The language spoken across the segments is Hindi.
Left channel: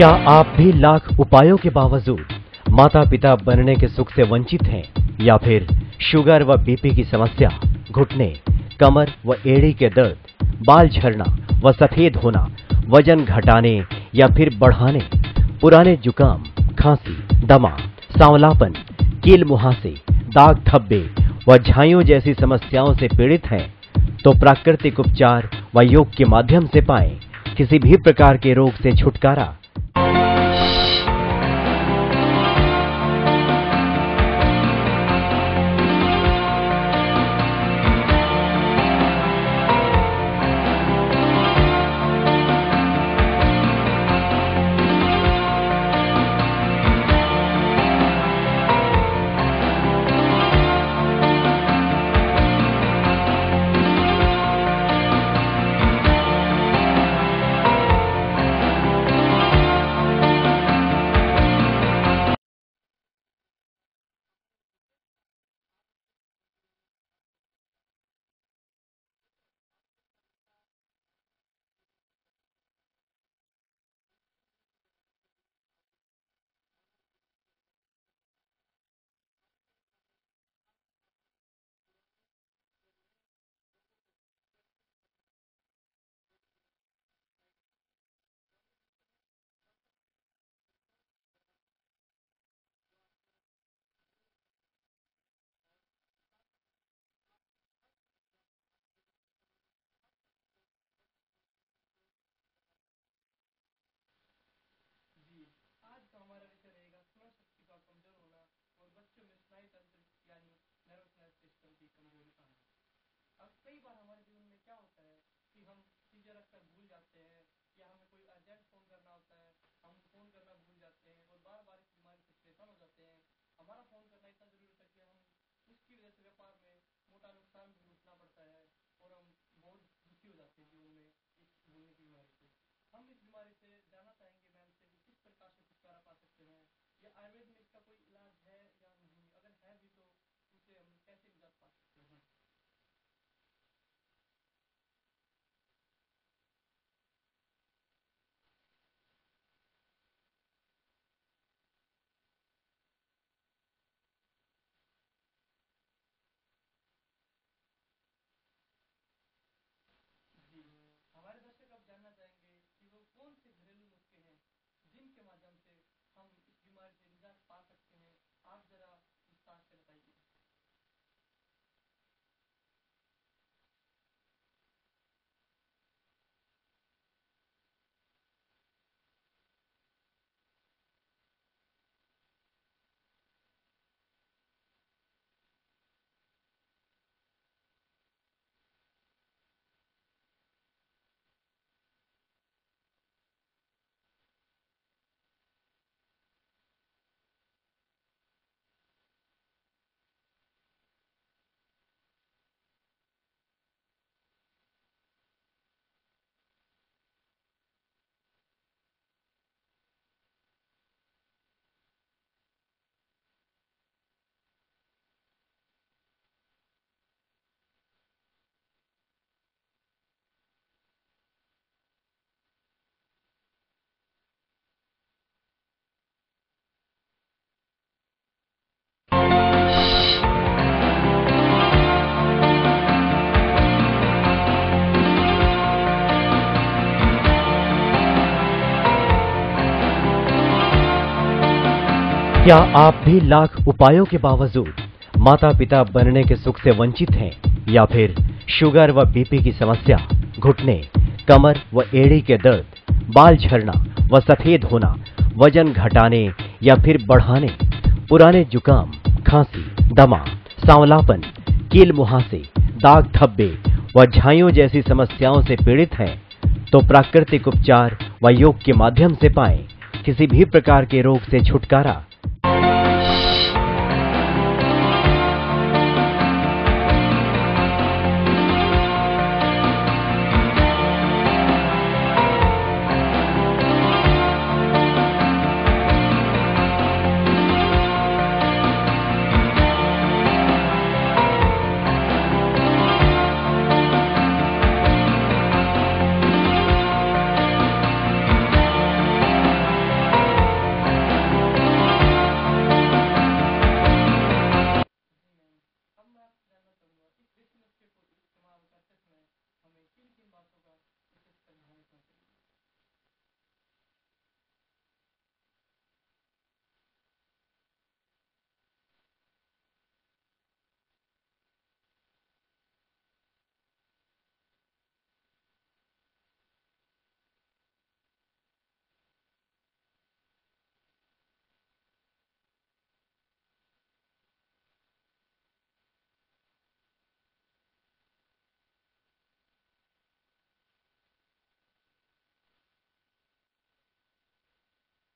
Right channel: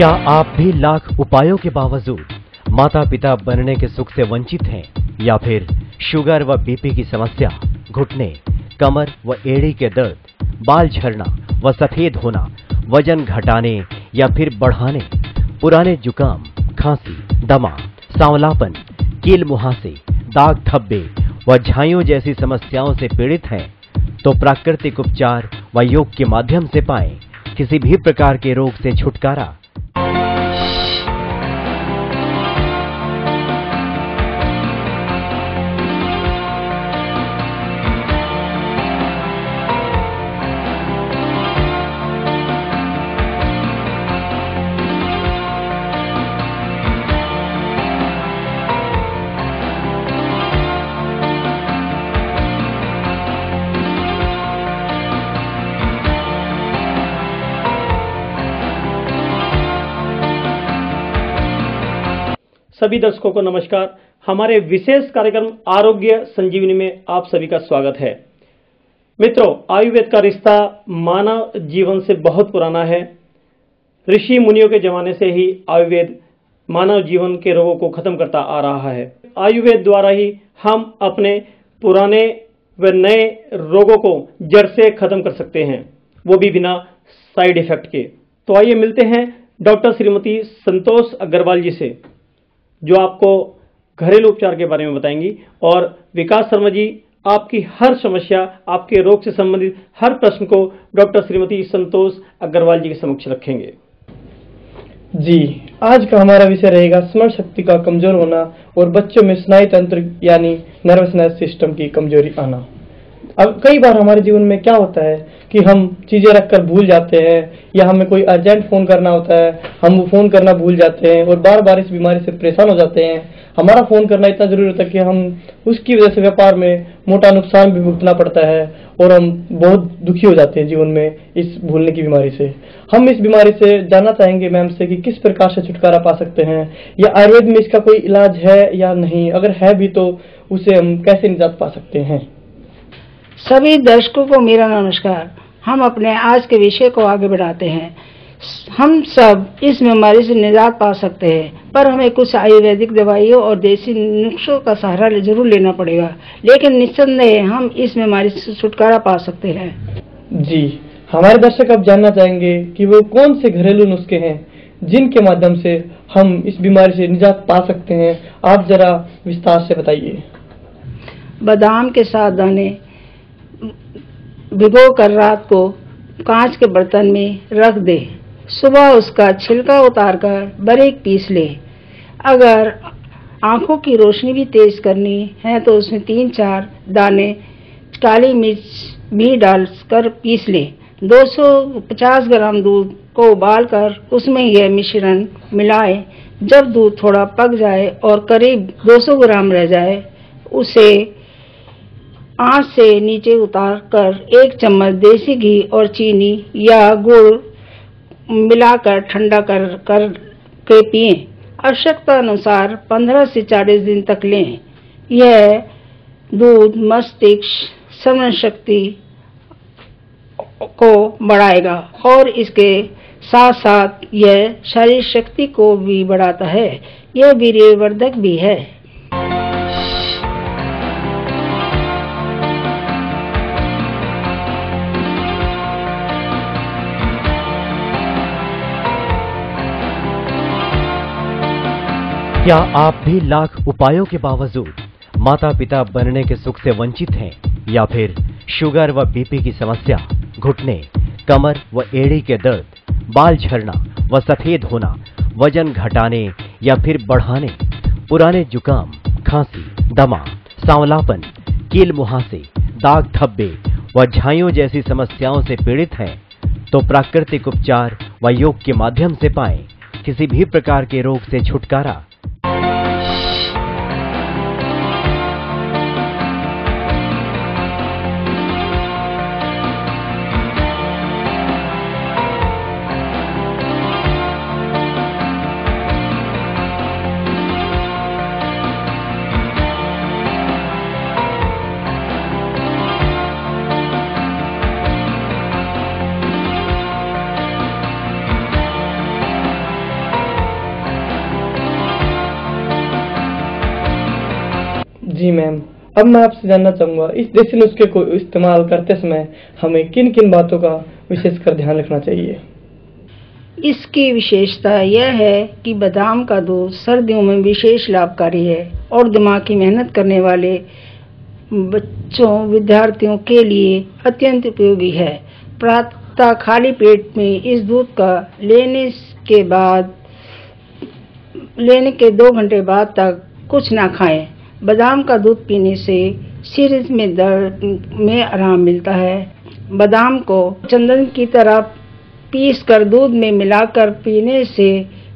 क्या आप भी लाख उपायों के बावजूद माता पिता बनने के सुख से वंचित हैं, या फिर शुगर व बीपी की समस्या, घुटने, कमर व एड़ी के दर्द, बाल झड़ना व सफेद होना, वजन घटाने या फिर बढ़ाने, पुराने जुकाम, खांसी, दमा, सांवलापन, कील मुहासे, दाग धब्बे व झाइयों जैसी समस्याओं से पीड़ित हैं, तो प्राकृतिक उपचार व योग के माध्यम से पाएं किसी भी प्रकार के रोग से छुटकारा। सभी दर्शकों को नमस्कार। हमारे विशेष कार्यक्रम आरोग्य संजीवनी में आप सभी का स्वागत है। मित्रों, आयुर्वेद का रिश्ता मानव जीवन से बहुत पुराना है। ऋषि मुनियों के जमाने से ही आयुर्वेद मानव जीवन के रोगों को खत्म करता आ रहा है। आयुर्वेद द्वारा ही हम अपने पुराने व नए रोगों को जड़ से खत्म कर सकते हैं, वो भी बिना साइड इफेक्ट के। तो आइए मिलते हैं डॉक्टर श्रीमती संतोष अग्रवाल जी से, जो आपको घरेलू उपचार के बारे में बताएंगी, और विकास शर्मा जी आपकी हर समस्या, आपके रोग से संबंधित हर प्रश्न को डॉक्टर श्रीमती संतोष अग्रवाल जी के समक्ष रखेंगे। जी, आज का हमारा विषय रहेगा स्मरण शक्ति का कमजोर होना और बच्चों में स्नायु तंत्र यानी नर्वस सिस्टम की कमजोरी आना। अब कई बार हमारे जीवन में क्या होता है कि हम चीजें रखकर भूल जाते हैं, या हमें कोई अर्जेंट फोन करना होता है, हम वो फोन करना भूल जाते हैं और बार बार इस बीमारी से परेशान हो जाते हैं। हमारा फोन करना इतना जरूरी होता है कि हम उसकी वजह से व्यापार में मोटा नुकसान भी भुगतना पड़ता है और हम बहुत दुखी हो जाते हैं जीवन में इस भूलने की बीमारी से। हम इस बीमारी से जानना चाहेंगे मैम से कि किस प्रकार से छुटकारा पा सकते हैं, या आयुर्वेद में इसका कोई इलाज है या नहीं, अगर है भी तो उसे हम कैसे निजात पा सकते हैं। सभी दर्शकों को मेरा नमस्कार। हम अपने आज के विषय को आगे बढ़ाते हैं। हम सब इस बीमारी से निजात पा सकते हैं, पर हमें कुछ आयुर्वेदिक दवाइयों और देसी नुस्खों का सहारा जरूर लेना पड़ेगा, लेकिन निस्संदेह हम इस बीमारी से छुटकारा पा सकते हैं। जी, हमारे दर्शक अब जानना चाहेंगे कि वो कौन से घरेलू नुस्खे हैं जिनके माध्यम से हम इस बीमारी से निजात पा सकते हैं। आप जरा विस्तार से बताइए। बादाम के 7 दाने भिगो कर रात को कांच के बर्तन में रख दे, सुबह उसका छिलका उतारकर बारीक पीस ले। अगर आंखों की रोशनी भी तेज करनी है तो उसमें 3-4 दाने काली मिर्च भी डालकर पीस ले। 250 ग्राम दूध को उबालकर उसमें यह मिश्रण मिलाए। जब दूध थोड़ा पक जाए और करीब 200 ग्राम रह जाए, उसे आंच से नीचे उतार कर 1 चम्मच देसी घी और चीनी या गुड़ मिलाकर ठंडा कर के पिएं। आवश्यकता अनुसार 15 से 40 दिन तक लें। यह दूध मस्तिष्क स्मरण शक्ति को बढ़ाएगा और इसके साथ साथ यह शारीरिक शक्ति को भी बढ़ाता है। यह वीर्यवर्धक भी है। क्या आप भी लाख उपायों के बावजूद माता पिता बनने के सुख से वंचित हैं, या फिर शुगर व बीपी की समस्या, घुटने, कमर व एड़ी के दर्द, बाल झड़ना व सफेद होना, वजन घटाने या फिर बढ़ाने, पुराने जुकाम, खांसी, दमा, सांवलापन, कील मुहासे, दाग धब्बे व झाइयों जैसी समस्याओं से पीड़ित हैं, तो प्राकृतिक उपचार व योग के माध्यम से पाएं किसी भी प्रकार के रोग से छुटकारा। अब मैं आपसे जानना चाहूंगा, इस देसी नुस्खे को इस्तेमाल करते समय हमें किन किन बातों का विशेषकर ध्यान रखना चाहिए? इसकी विशेषता यह है कि बादाम का दूध सर्दियों में विशेष लाभकारी है और दिमाग की मेहनत करने वाले बच्चों, विद्यार्थियों के लिए अत्यंत उपयोगी है। प्रातः खाली पेट में इस दूध का लेने के 2 घंटे बाद तक कुछ ना खाएं। बादाम का दूध पीने से सिर में दर्द में आराम मिलता है। बादाम को चंदन की तरह पीस कर दूध में मिलाकर पीने से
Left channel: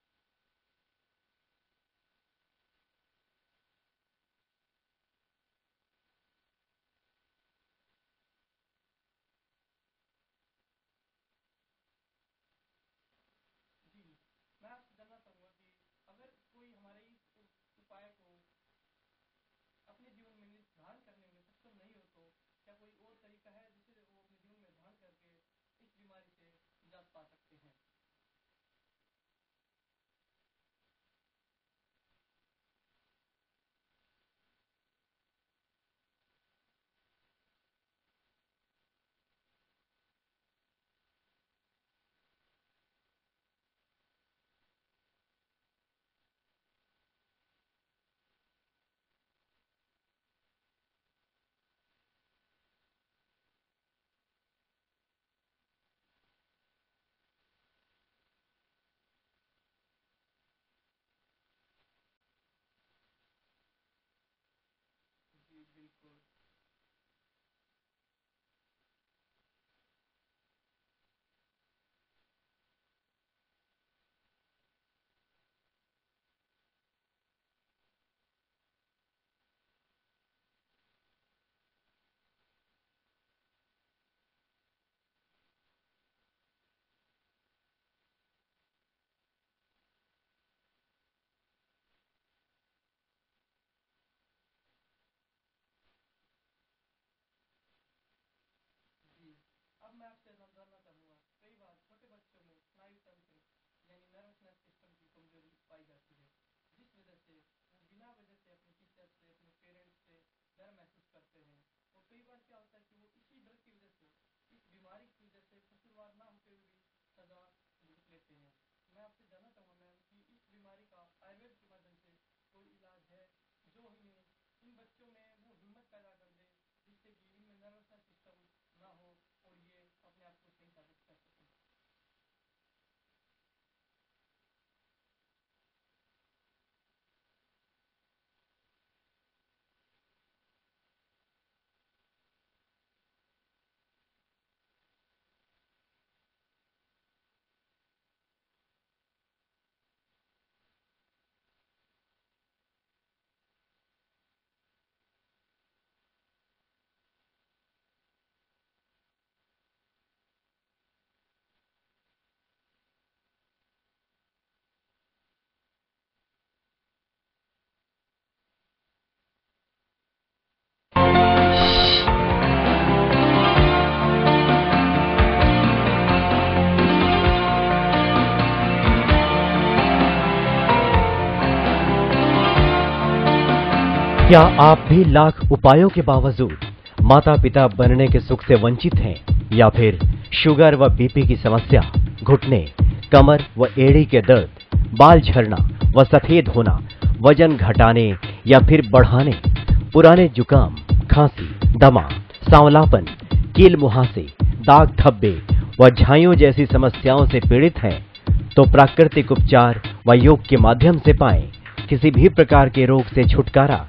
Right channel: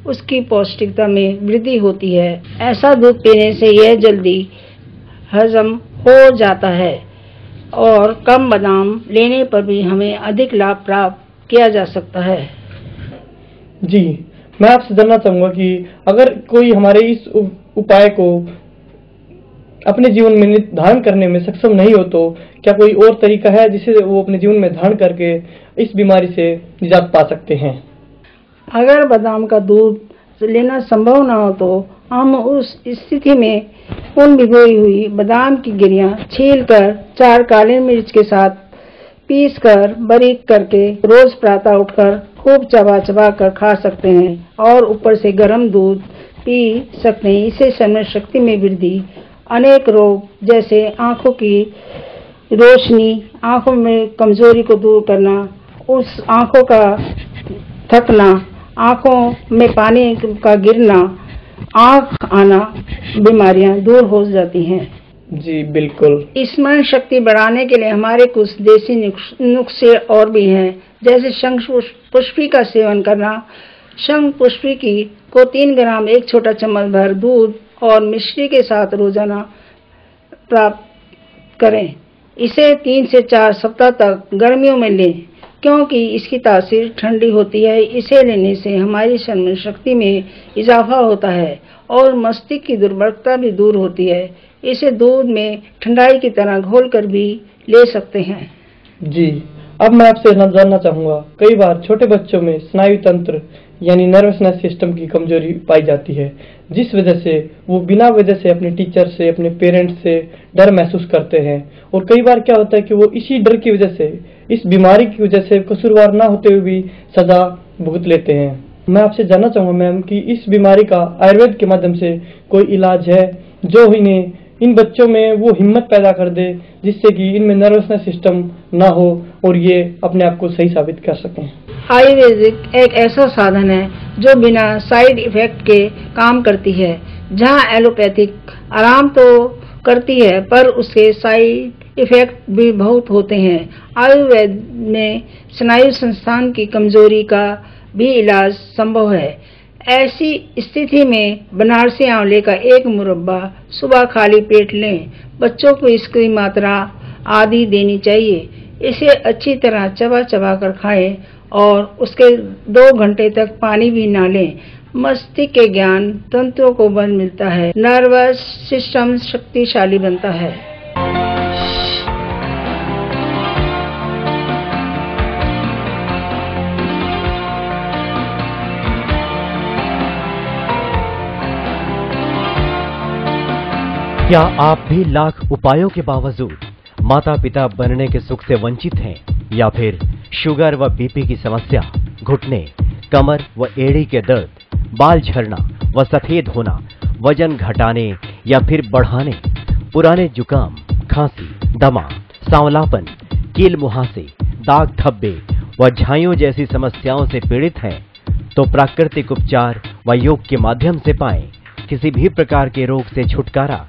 उसकी पौष्टिकता में वृद्धि होती है। ऐसा दूध पीने से यह जल्दी हजम हो जाता है और कम बादाम लेने पर भी हमें अधिक लाभ प्राप्त किया जा सकता है। जी, मैं आपसे जानना चाहूंगा कि अगर कोई हमारे इस उपाय को अपने जीवन में धारण करने में सक्षम नहीं हो तो क्या कोई और तरीका है जिसे वो अपने जीवन में धारण करके इस बीमारी से निजात पा सकते हैं? अगर बादाम का दूध लेना संभव न हो तो हम उस स्थिति में उन भिगोई हुई बादाम की गिरियां छीलकर 4 काली मिर्च के साथ पीस कर बारीक करके रोज प्रातः उठकर खूब चबा चबा कर खा सकते हैं और ऊपर से गर्म दूध पी सकते हैं। इससे स्मरण शक्ति में वृद्धि, अनेक रोग जैसे आंखों की रोशनी, आंखों में कमजोरी को दूर करना, उस आंखों का थकना, आंखों में पानी का गिरना, आंख आना, बीमारियां दूर हो जाती हैं। जी बिल्कुल। स्मरण शक्ति बढ़ाने के लिए हमारे कुछ देसी नुस्खे और भी हैं, जैसे शंख पुष्पी का सेवन करना। शंख पुष्पी की को 3 ग्राम 1 छोटा चम्मच भर दूध और मिश्री के साथ रोजाना प्राप्त करें। इसे 3 से 4 सप्ताह तक गर्मियों में लें, क्योंकि इसकी तासीर ठंडी होती है। इसे लेने से हमारी स्मरण शक्ति में इजाफा होता है और मस्तिष्क की दुर्बलता भी दूर होती है। इसे दूध में ठंडाई की तरह घोलकर भी ले सकते हैं। जी, अब मैं आपसे जानना चाहूंगा, कई बार छोटे बच्चों में स्नायु तंत्र यानी नर्वसनेस सिस्टम की कमजोरी पाई जाती है, जिस वजह से वो बिना वजह से अपने टीचर से, अपने पेरेंट्स से डर महसूस करते हैं। और कई बार क्या होता है कि वो इसी डर की वजह से, इस बीमारी की वजह से कसूरवार ना होते हुए भी सजा भुगत लेते हैं। मैं आपसे जानना चाहूंगा मैम कि इस बीमारी का आयुर्वेद के माध्यम से कोई इलाज है जो इन्हें, इन बच्चों में वो हिम्मत पैदा कर दे जिससे कि इनमें नर्वसनेस सिस्टम ना हो और ये अपने आप को सही साबित कर सकें? आयुर्वेदिक एक ऐसा साधन है जो बिना साइड इफेक्ट के काम करती है। जहां एलोपैथिक आराम तो करती है पर उसके साइड इफेक्ट भी बहुत होते हैं। आयुर्वेद में स्नायु संस्थान की कमजोरी का भी इलाज संभव है। ऐसी स्थिति में बनारसी आंवले का 1 मुरब्बा सुबह खाली पेट लें। बच्चों को इसकी मात्रा आधी देनी चाहिए। इसे अच्छी तरह चबा चबा कर खाएं और उसके 2 घंटे तक पानी भी ना लें। मस्तिष्क के ज्ञान तंत्रों को बल मिलता है, नर्वस सिस्टम शक्तिशाली बनता है। क्या आप भी लाख उपायों के बावजूद माता पिता बनने के सुख से वंचित हैं, या फिर शुगर व बीपी की समस्या, घुटने, कमर व एड़ी के दर्द, बाल झड़ना व सफेद होना, वजन घटाने या फिर बढ़ाने, पुराने जुकाम, खांसी, दमा, सांवलापन, कील मुहासे, दाग धब्बे व झाइयों जैसी समस्याओं से पीड़ित हैं, तो प्राकृतिक उपचार व योग के माध्यम से पाएं किसी भी प्रकार के रोग से छुटकारा।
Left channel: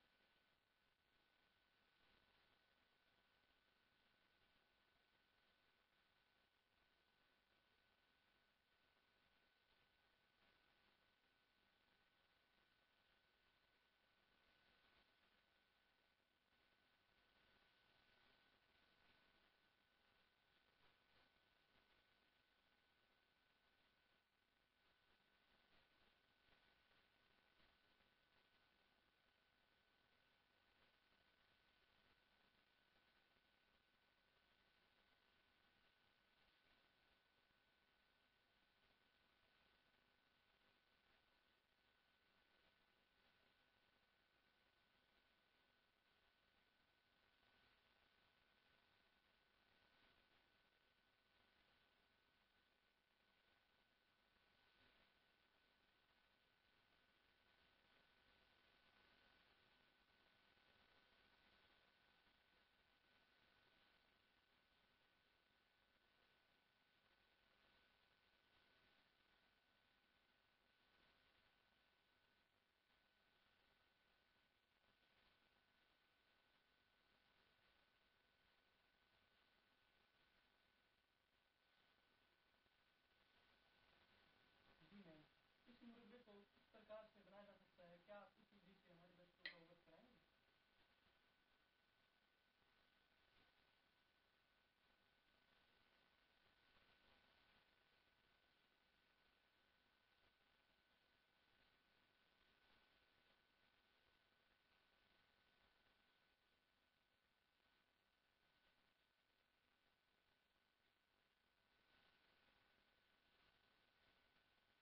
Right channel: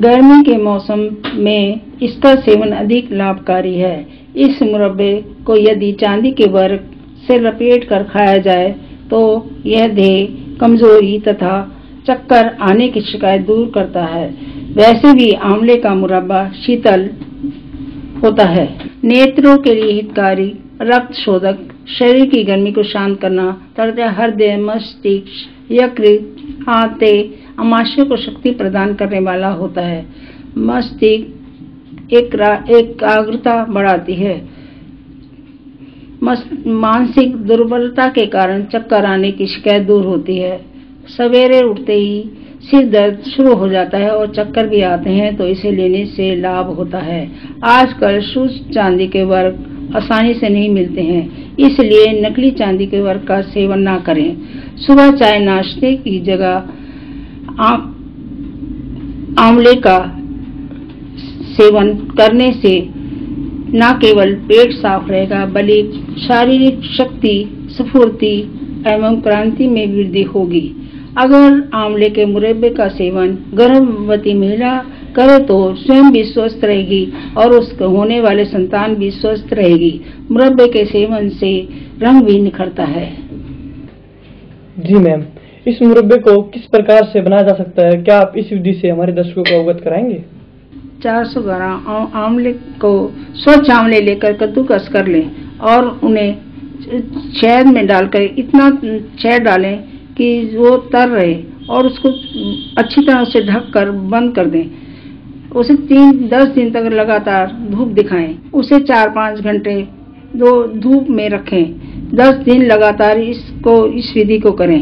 गर्मी के मौसम में इसका सेवन अधिक लाभकारी है। इस मुरब्बे को यदि चांदी के वर्क से लपेट कर खाया जाए तो यह देह कमजोरी तथा चक्कर आने की शिकायत दूर करता है। वैसे भी आंवले का मुरब्बा शीतल होता है, नेत्रों के लिए हितकारी, रक्त शोधक, शरीर की गर्मी को शांत करना तथा हृदय, मस्तिष्क, यकृत, आंते, आमाशय को शक्ति प्रदान करने वाला होता है। मस्तिष्क एकाग्रता बढ़ाती है। मानसिक दुर्बलता के कारण चक्कर आने की शिकायत दूर होती है। सवेरे उठते ही सिर दर्द शुरू हो जाता है और चक्कर भी आते हैं तो इसे लेने से लाभ होता है। आजकल शुद्ध चांदी के वर्क आसानी से नहीं मिलते हैं, इसलिए नकली चांदी के वर्क का सेवन ना करें। सुबह चाय नाश्ते की जगह आंवले का सेवन करने से न केवल पेट साफ रहेगा बल्कि शारीरिक शक्ति, स्फूर्ति एवं क्रांति में वृद्धि होगी। अगर आंवले के मुरब्बे का सेवन गर्भवती महिला करे तो स्वयं भी स्वस्थ रहेगी और उसको होने वाले संतान भी स्वस्थ रहेगी। मुरब्बे के सेवन से रंग भी निखरता है। जी मैम, इस मुरब्बे को किस प्रकार से बनाया जा सकता है, क्या आप इस विधि से हमारे दर्शकों को अवगत कराएंगे? 400 ग्राम आंवले को स्वच्छ आंवले लेकर कद्दूकस कर लें और उन्हें शहद में डालकर इतना शहद डालें कि वो तर रहे और उसको अच्छी तरह से ढककर बंद कर दें। उसे 10 दिन तक लगातार धूप दिखाएं। उसे 4-5 घंटे धूप में रखें। 10 दिन लगातार इस विधि को करें।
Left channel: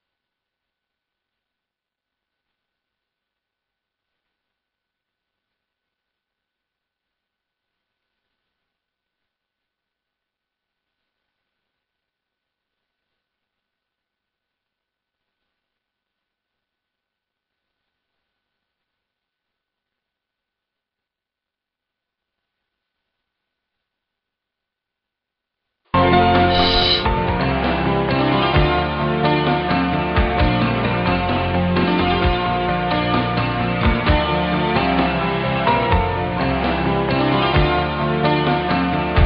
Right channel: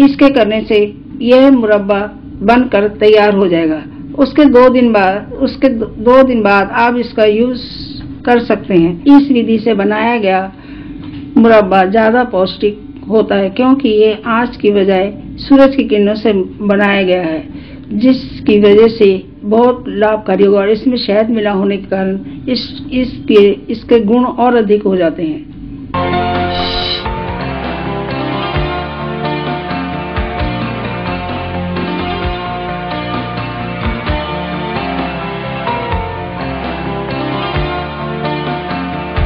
इसके करने से यह मुरब्बा बनकर तैयार हो जाएगा। उसके 2 दिन बाद आप इसका यूज कर सकते हैं। इस विधि से बनाया गया मुरब्बा ज्यादा पौष्टिक होता है क्योंकि ये आंच की बजाय सूरज की किरणों से बनाया गया है, जिसकी वजह से बहुत लाभकारी होगा। और इसमें शहद मिला होने के कारण इसके गुण और अधिक हो जाते हैं।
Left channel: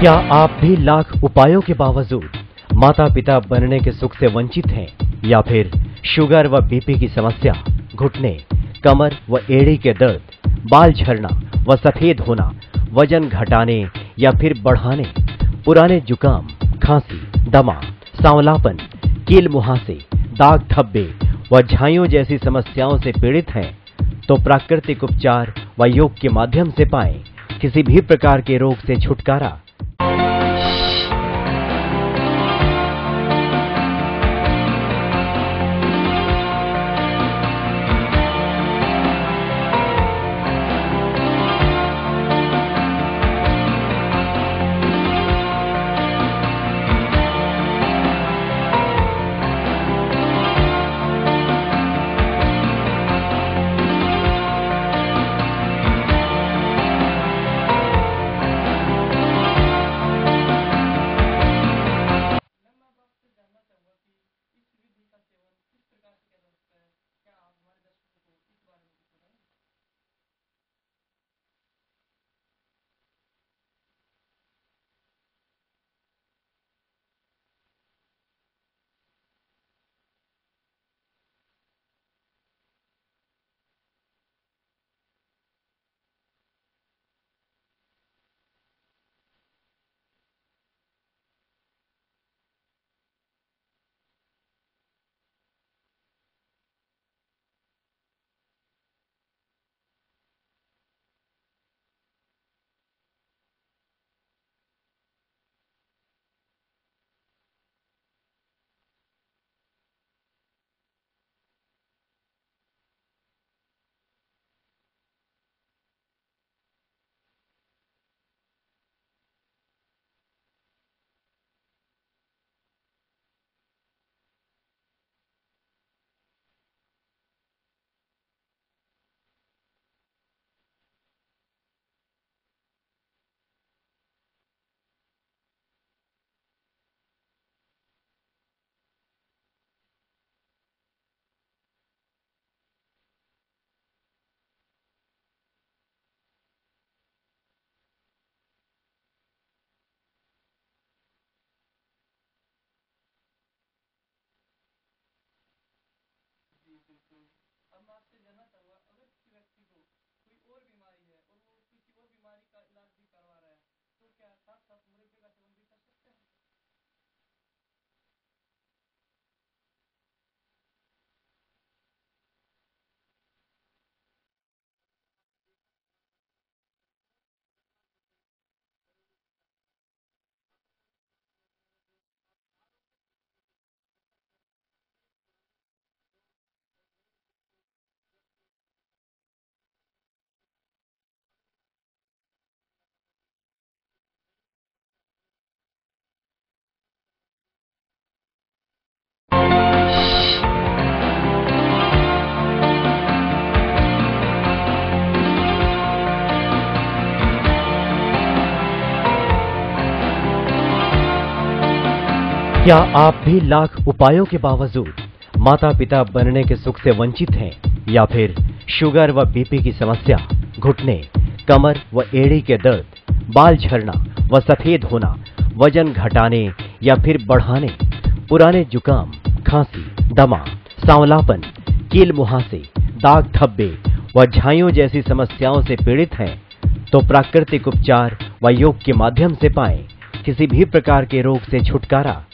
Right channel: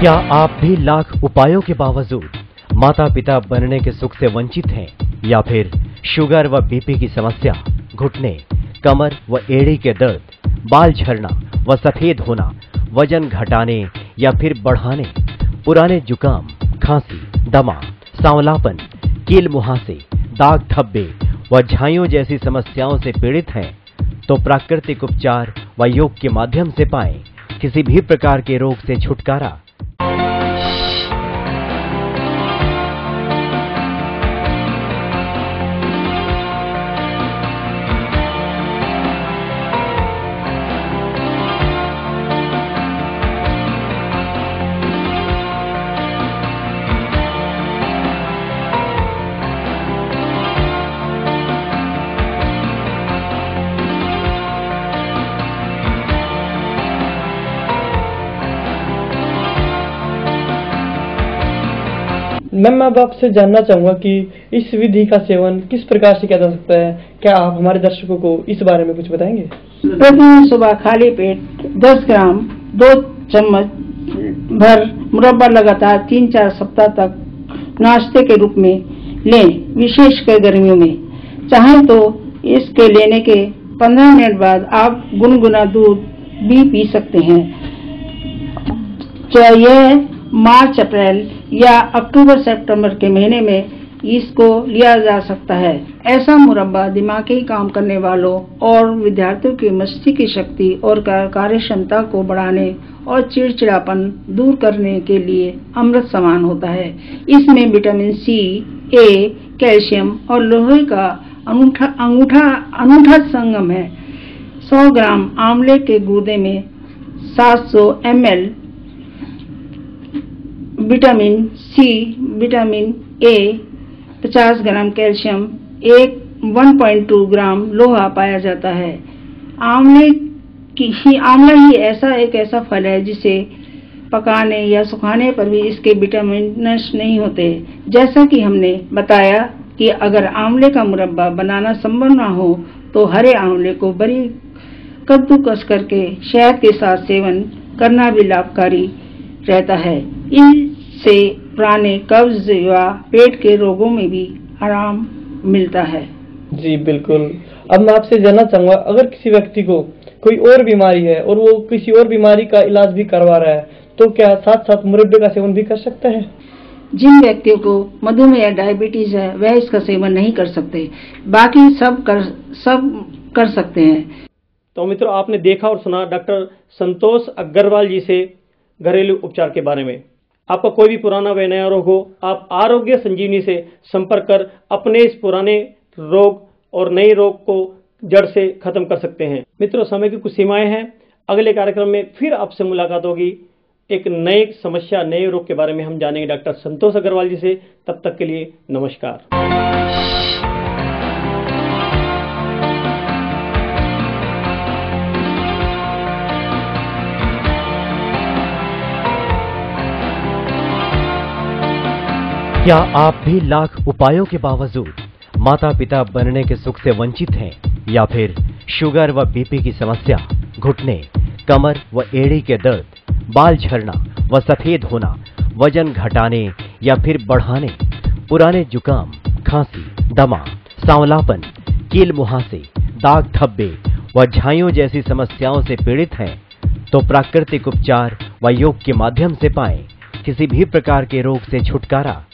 क्या आप भी लाख उपायों के बावजूद माता पिता बनने के सुख से वंचित हैं, या फिर शुगर व बीपी की समस्या, घुटने, कमर व एड़ी के दर्द, बाल झड़ना व सफेद होना, वजन घटाने या फिर बढ़ाने, पुराने जुकाम, खांसी, दमा, सांवलापन, कील मुहासे, दाग धब्बे व झाइयों जैसी समस्याओं से पीड़ित हैं, तो प्राकृतिक उपचार व योग के माध्यम से पाएं किसी भी प्रकार के रोग से छुटकारा। मैं अब आपसे जानना चाहूंगा कि इस विधि का सेवन किस प्रकार से किया जा सकता है, क्या आप हमारे दर्शकों को इस बारे में कुछ बताएंगे? प्रतिदिन सुबह खाली पेट 10 ग्राम 2 चम्मच भर मुरब्बा लगातार 3-4 सप्ताह तक नाश्ते के रूप में लें, विशेषकर गर्मियों में। चाहें तो इसके लेने के 15 मिनट बाद आप गुनगुना दूध भी पी सकते हैं। यह मार्च, अप्रैल या अक्टूबर सितंबर के महीने में इसको लिया जा सकता है। ऐसा मुरब्बा दिमागी काम करने वालों और विद्यार्थियों की मस्तिष्क की शक्ति और कार्य क्षमता को बढ़ाने और चिड़चिड़ापन दूर करने के लिए अमृत समान होता है। इसमें विटामिन सी, ए, कैल्शियम और लोहे का अनूठा संगम है। 100 ग्राम आंवले के गूदे में 700 ml vitamin C, vitamin A, 50 gram calcium, 1.2 gram लोहा पाया जाता है। आंवला ही ऐसा फल है जिसे पकाने या सुखाने पर भी इसके विटामिन नष्ट नहीं होते। जैसा कि हमने बताया कि अगर आंवले का मुरब्बा बनाना संभव न हो तो हरे आंवले को बारीक कद्दूकस करके शहद के साथ सेवन करना भी लाभकारी रहता है। इससे पुराने कब्ज या पेट के रोगों में भी आराम मिलता है। जी बिल्कुल। अब मैं आपसे जानना चाहूंगा, अगर किसी व्यक्ति को कोई और बीमारी है और वो किसी और बीमारी का इलाज भी करवा रहा है, तो क्या साथ साथ मुरब्बे का सेवन भी कर सकता है? जिन व्यक्तियों को मधुमेह या डायबिटीज है वह इसका सेवन नहीं कर सकते, बाकी सब कर सकते हैं। तो मित्रों, आपने देखा और सुना डॉक्टर संतोष अग्रवाल जी से घरेलू उपचार के बारे में। आपका कोई भी पुराना व नया रोग हो, आप आरोग्य संजीवनी से संपर्क कर अपने इस पुराने रोग और नए रोग को जड़ से खत्म कर सकते हैं। मित्रों, समय की कुछ सीमाएं हैं। अगले कार्यक्रम में फिर आपसे मुलाकात होगी। एक नए समस्या, नए रोग के बारे में हम जानेंगे डॉक्टर संतोष अग्रवाल जी से। तब तक के लिए नमस्कार। क्या आप भी लाख उपायों के बावजूद माता पिता बनने के सुख से वंचित हैं, या फिर शुगर व बीपी की समस्या, घुटने, कमर व एड़ी के दर्द, बाल झड़ना व सफेद होना, वजन घटाने या फिर बढ़ाने, पुराने जुकाम, खांसी, दमा, सांवलापन, कील मुहासे, दाग धब्बे व झाइयों जैसी समस्याओं से पीड़ित हैं, तो प्राकृतिक उपचार व योग के माध्यम से पाएं किसी भी प्रकार के रोग से छुटकारा।